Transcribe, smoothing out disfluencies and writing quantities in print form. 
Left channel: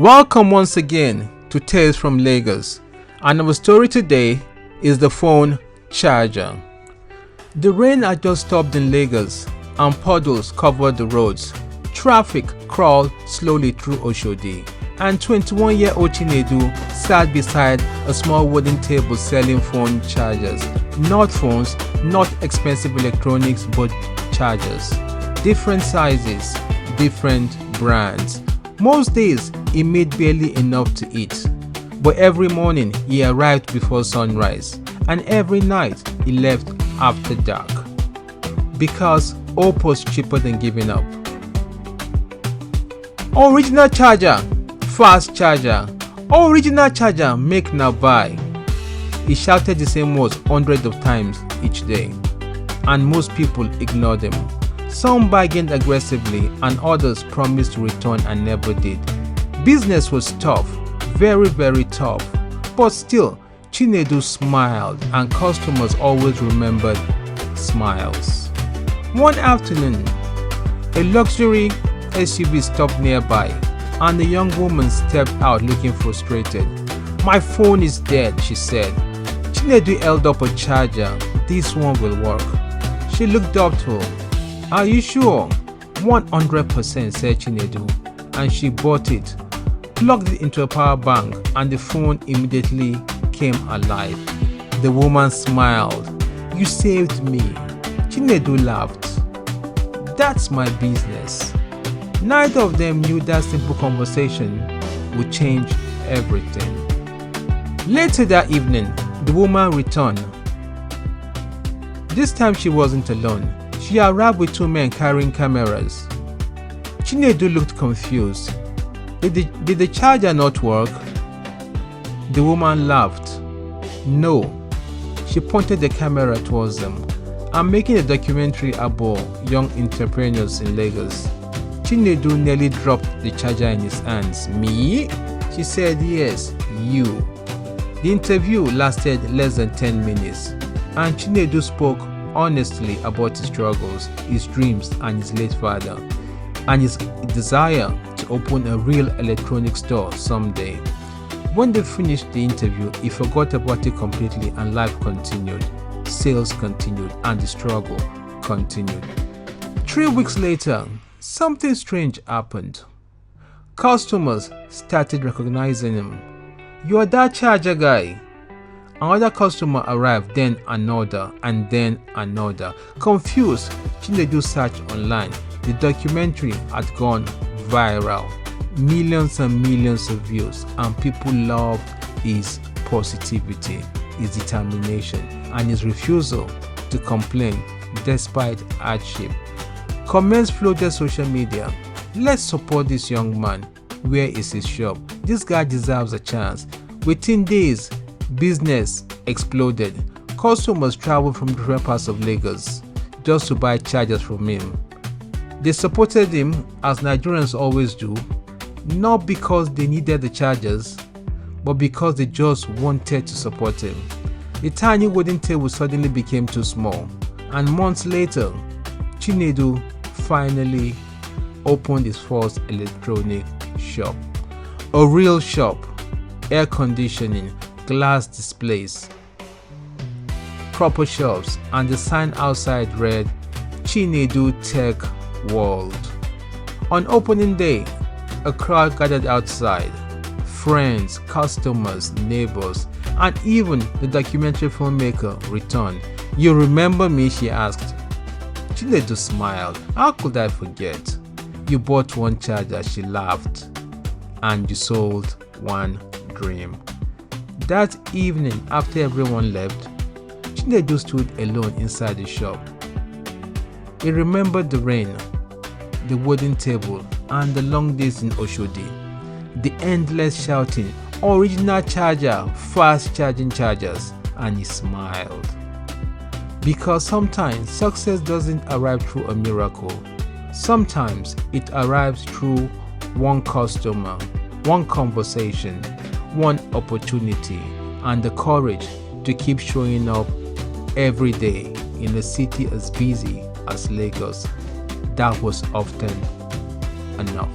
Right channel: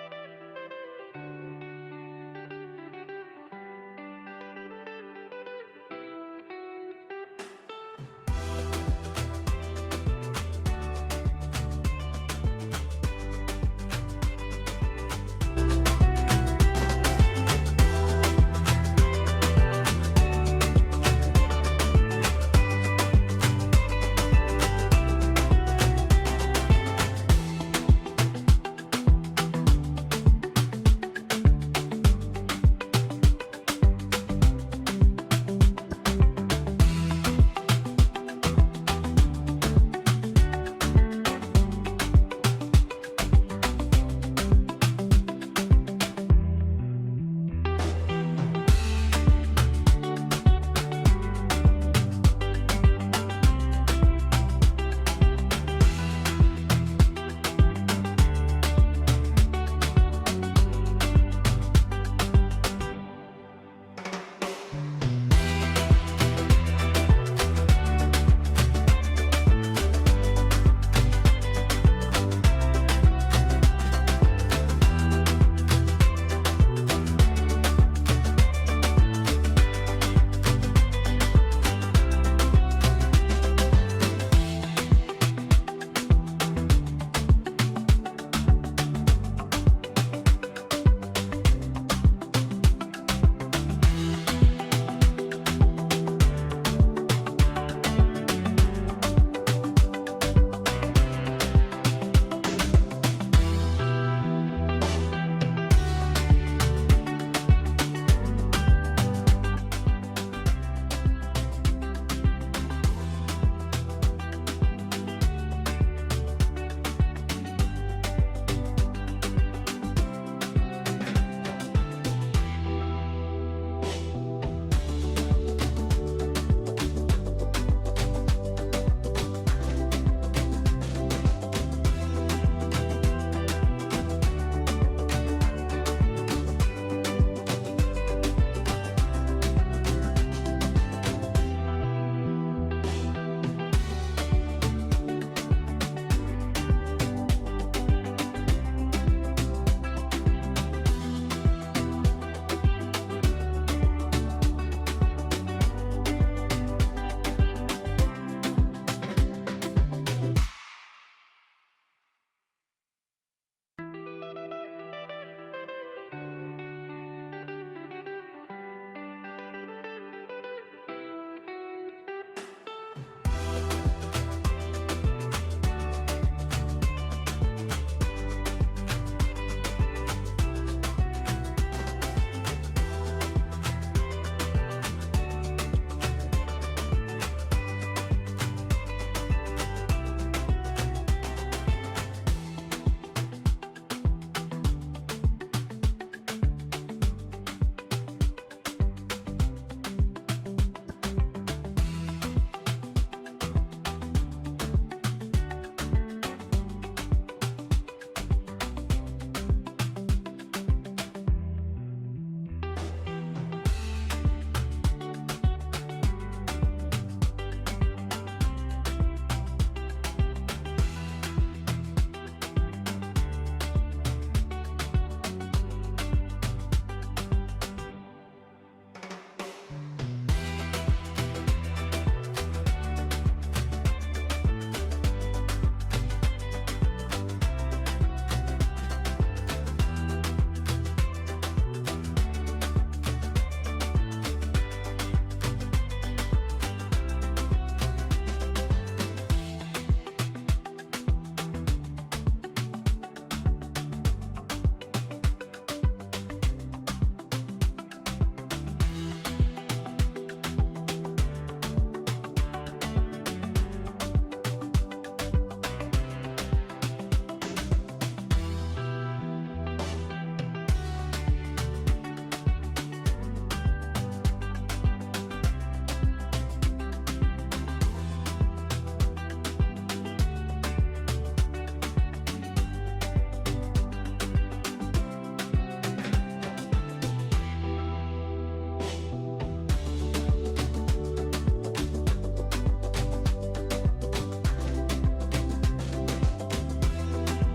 Welcome once again to Tales from Lagos, and our story today is the phone charger. The rain had just stopped in Lagos and puddles covered the roads. Traffic crawled slowly through Oshodi, and 21-year-old Chinedu sat beside a small wooden table selling phone chargers. Not phones, not expensive electronics, but chargers. Different sizes, different brands. Most days, he made barely enough to eat. But every morning, he arrived before sunrise. And every night, he left after dark. Because hope was cheaper than giving up. Original charger, fast charger. Original charger, make now buy. He shouted the same words hundreds of times each day. And most people ignored him. Some bargained aggressively and others promised to return and never did. Business was tough, very tough. But still, Chinedu smiled and customers always remembered smiles. One afternoon, a luxury SUV stopped nearby and a young woman stepped out looking frustrated. "My phone is dead," she said. Chinedu held up a charger. "This one will work." She looked doubtful. "Are you sure?" 100%, said Chinedu, and she bought it, plugged it into a power bank, and the phone immediately came alive. The woman smiled. "You saved me." Chinedu laughed. "That's my business." Neither of them knew that simple conversation would change everything. Later that evening, the woman returned. This time she wasn't alone. She arrived with two men carrying cameras. Chinedu looked confused. Did the charger not work?" The woman laughed. "No." She pointed the camera towards them. "I'm making a documentary about young entrepreneurs in Lagos." Chinedu nearly dropped the charger in his hands. "Me?" She said. "Yes, you." The interview lasted less than 10 minutes, and Chinedu spoke honestly about his struggles, his dreams, and his late father, and his desire to open a real electronics store someday. When they finished the interview, he forgot about it completely and life continued. Sales continued and the struggle continued. 3 weeks later, something strange happened. Customers started recognizing him. "You're that charger guy." Another customer arrived, then another, and then another. Confused, Chinedu searched online. The documentary had gone viral. Millions and millions of views, and people loved his positivity, his determination, and his refusal to complain despite hardship. Comments flooded social media. "Let's support this young man. Where is his shop? This guy deserves a chance." Within days, business exploded. Customers traveled from different parts of Lagos just to buy chargers from him. They supported him, as Nigerians always do, not because they needed the chargers, but because they just wanted to support him. The tiny wooden table suddenly became too small, and months later, Chinedu finally opened his first electronic shop. A real shop, air conditioning, glass displays, proper shelves, and the sign outside read "Chinedu Tech World." On opening day, a crowd gathered outside. Friends, customers, neighbors, and even the documentary filmmaker returned. "You remember me?" she asked. Chinedu smiled. "How could I forget? You bought one charger," she laughed, "and you sold one dream." That evening, after everyone left, Chinedu stood alone inside the shop. He remembered the rain, the wooden table, and the long days in Oshodi, the endless shouting, "Original charger, fast charging chargers," and he smiled. Because sometimes success doesn't arrive through a miracle. Sometimes it arrives through one customer, one conversation, one opportunity, and the courage to keep showing up every day in a city as busy as Lagos. That was often enough.